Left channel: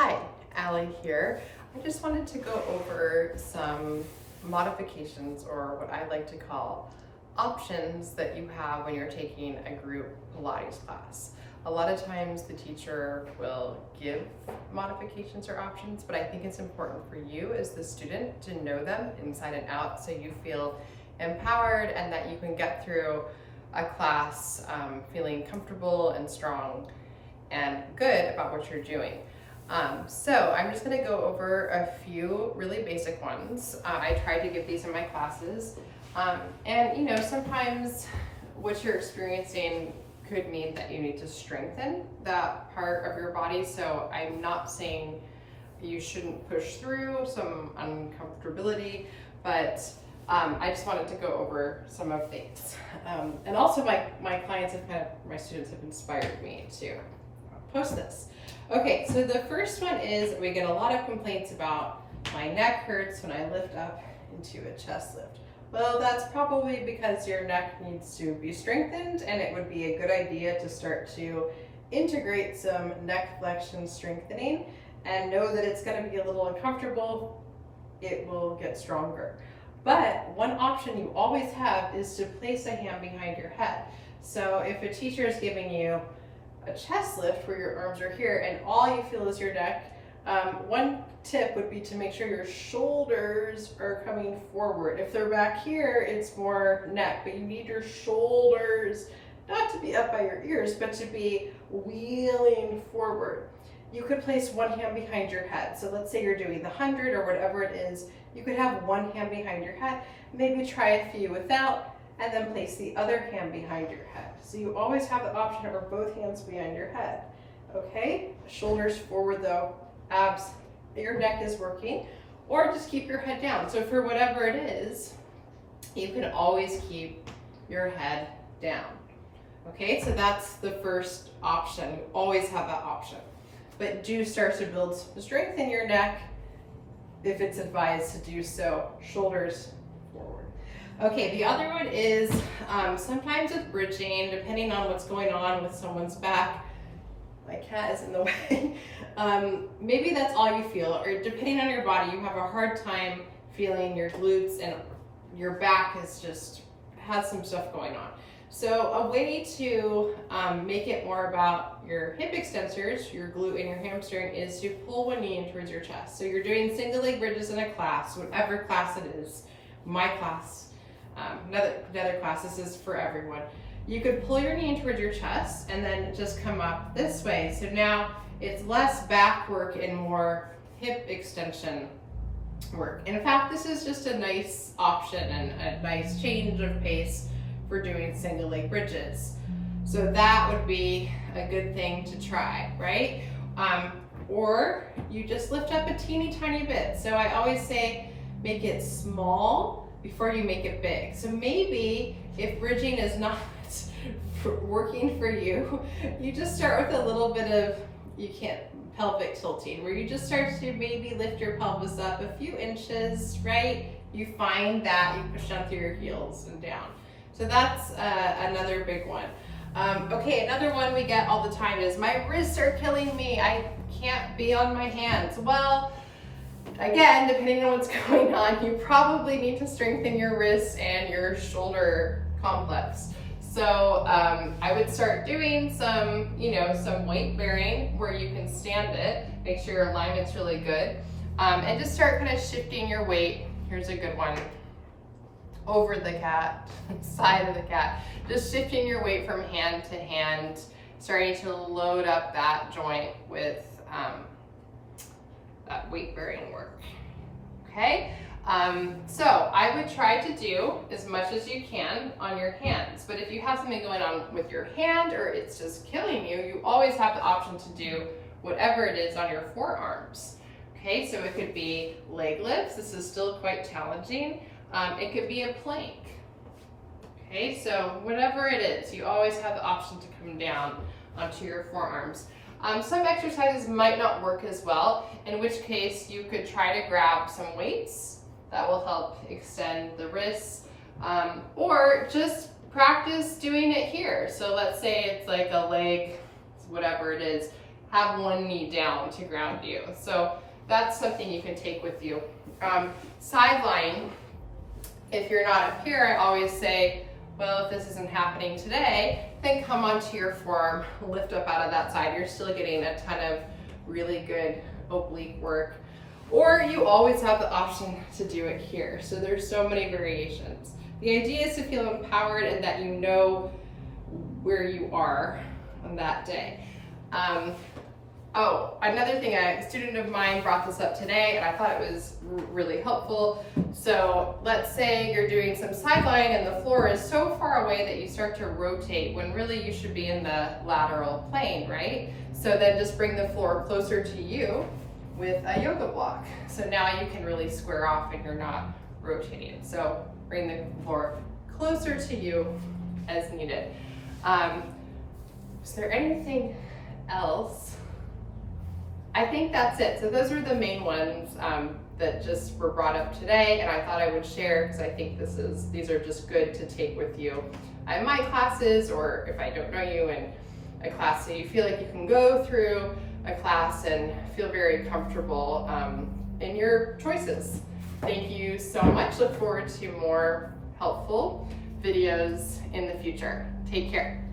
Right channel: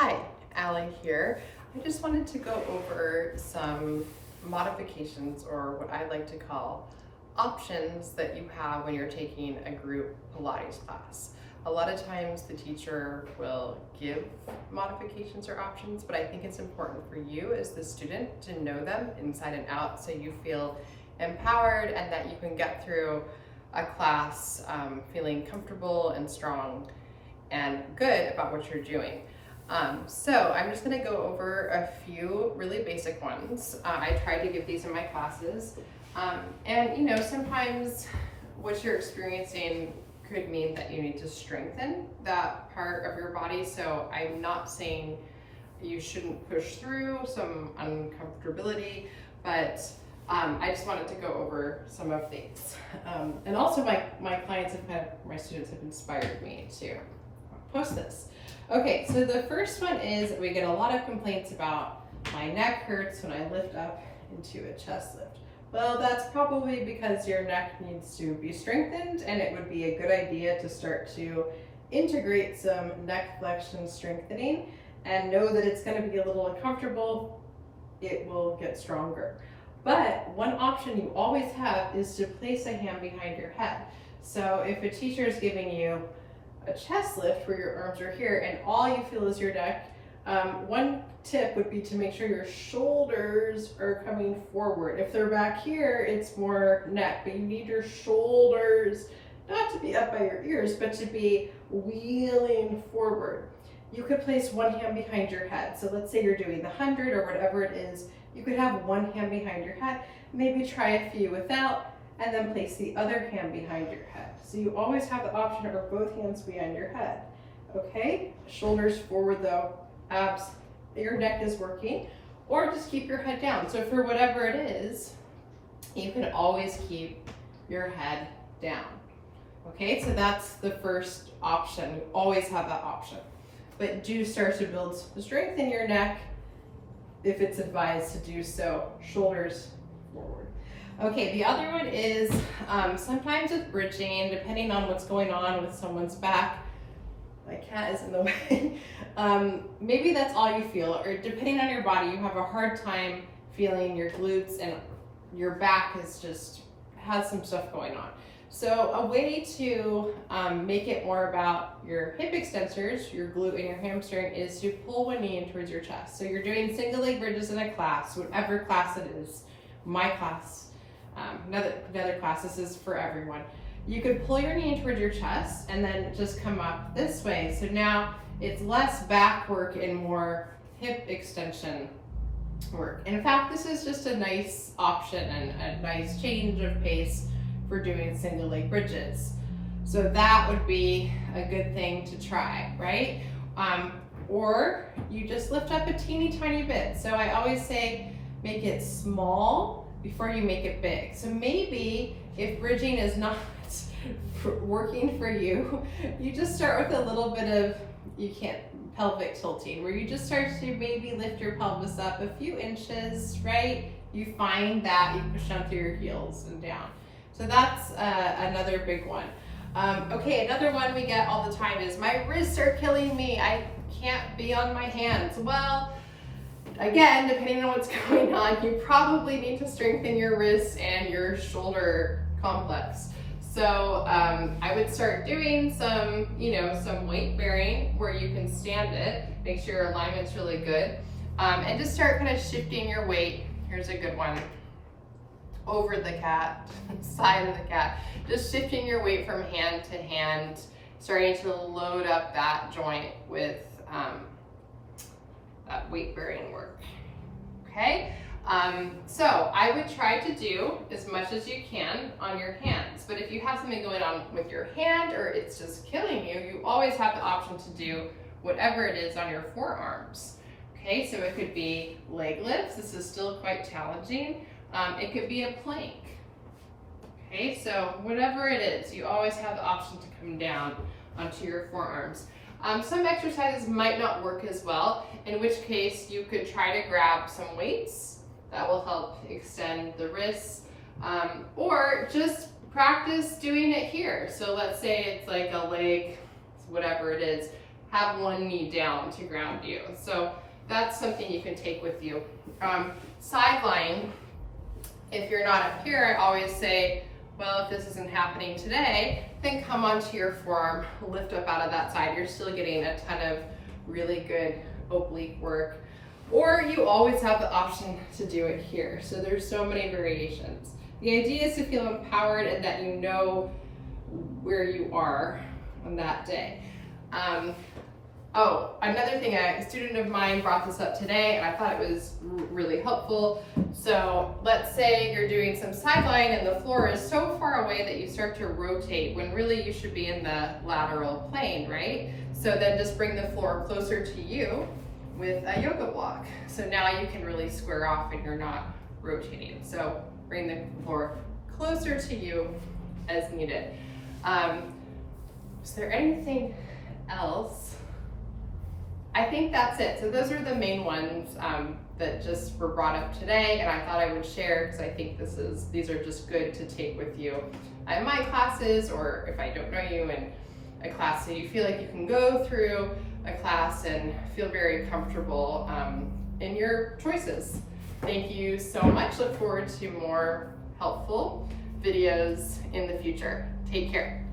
Hi, Allie here. I just wanted to go over some modifications, or what I like to call options, that you have when you're taking a group Pilates class. A lot of times the teacher will give modifications or options, but I think it's important for you as the student to know them inside and out so you feel empowered and that you can get through a class feeling comfortable and strong and good about what you're doing. So I'm just gonna go over a few really basic ones. I try to give these in my classes. And you know, sometimes what you're experiencing could mean that you need to strengthen that part of your body. So I'm not saying you shouldn't push through some uncomfortability, but I just wanted to go over some of these. And also my clients my students have inspired me to post this. Okay, so the first one is, we get a lot of complaints about my neck hurts when I lift up into a chest lift. Well, that's probably because your neck needs to be strengthened, and it would be a good idea to start to integrate some neck flexion strengthening and know that it's going to be a little uncomfortable. It will get stronger. But one option you always have is to place a hand behind your head. So if a teacher is giving you a chest lift where your arms are here and all you feel is your neck, one tip would be to make sure your shoulders are coming forward. If they're back here, it's more neck, but you need your shoulders not to be up by your ears, but to be wheeling forward. You could place one hand behind your head. So let's say you're doing the 100 or whatever it is, you could have one hand behind your head, maybe try a few without, and then place the other hand behind your head. So you always have the option of both hands behind your head. Okay, shoulders forward though, abs, your neck is working, or just keep your head down. So for whatever it is, you can always keep your head down. Okay, so that's the first option. You always have that option. But do start to build strength in your neck if it's advised to do so, shoulders forward. Okay, the other one is sometimes with bridging, depending on what's going on with someone's back, my cat is in the way, maybe that's all you feel, or depending on your body, you have a hard time feeling your glutes and your back has some stuff going on. So a way to make it more about your hip extensors, your glute and your hamstring, is to pull one knee in towards your chest. So you're doing single leg bridges in a class, whatever class it is, my class, another class, this is for everyone. You could pull your knee in towards your chest and then just come up this way. So now it's less back work and more hip extension work. In fact, this is just a nice option and a nice change of pace for doing single leg bridges. So that would be a good thing to try, right? Or you just lift up a teeny tiny bit. So I always say make it small before you make it big. So maybe if bridging is not working for you, you just start with a little bit of, pelvic tilting, where you just start to maybe lift your pelvis up a few inches, right? You find that you push down through your heels and down. So that's another big one. Okay, another one we get all the time is, my wrists are killing me, I can't be on my hands. Well, again, depending on what's going on, you probably need to strengthen your wrists and your shoulder complex. So I would start doing some weight bearing where you can stand it, make sure your alignment's really good, and just start kind of shifting your weight. Here's a good one. Over the cat, side of the cat, just shifting your weight from hand to hand, starting to load up that joint with that weight bearing work. Okay, so I would try to do as much as you can on your hands, but if you have something going on with your hand or it's just killing you, you always have the option to do whatever it is on your forearms. Okay, so it could be leg lifts. This is still quite challenging. It could be a plank. Okay, so whatever it is, you always have the option to come down onto your forearms. Some exercises might not work as well, in which case you could try to grab some weights. That will help extend the wrists, or just practice doing it here. So let's say it's like a leg, whatever it is, have one knee down to ground you. So that's something you can take with you. Sideline, if you're not up here, I always say, well, if this isn't happening today, then come onto your forearm, lift up out of that side. You're still getting a ton of really good oblique work. Or you always have the option to do it here. So there's so many variations. The idea is to feel empowered and that you know where you are on that day. Oh, another thing, a student of mine brought this up today and I thought it was really helpful. So let's say you're doing some sideline and the floor is so far away that you start to rotate when really you should be in the lateral plane, right? So then just bring the floor closer to you with a yoga block. So now you can really square off and you're not rotating. So bring the floor closer to you as needed. Is there anything else? I think that's it. So those are the main ones that just were brought up today, and I thought I would share because I think these are just good to take with you in my classes, or if I don't know you in a class, so you feel like you can go through a class and feel very comfortable in your choices. Thank you so much. Look forward to more helpful videos in the future. Take care.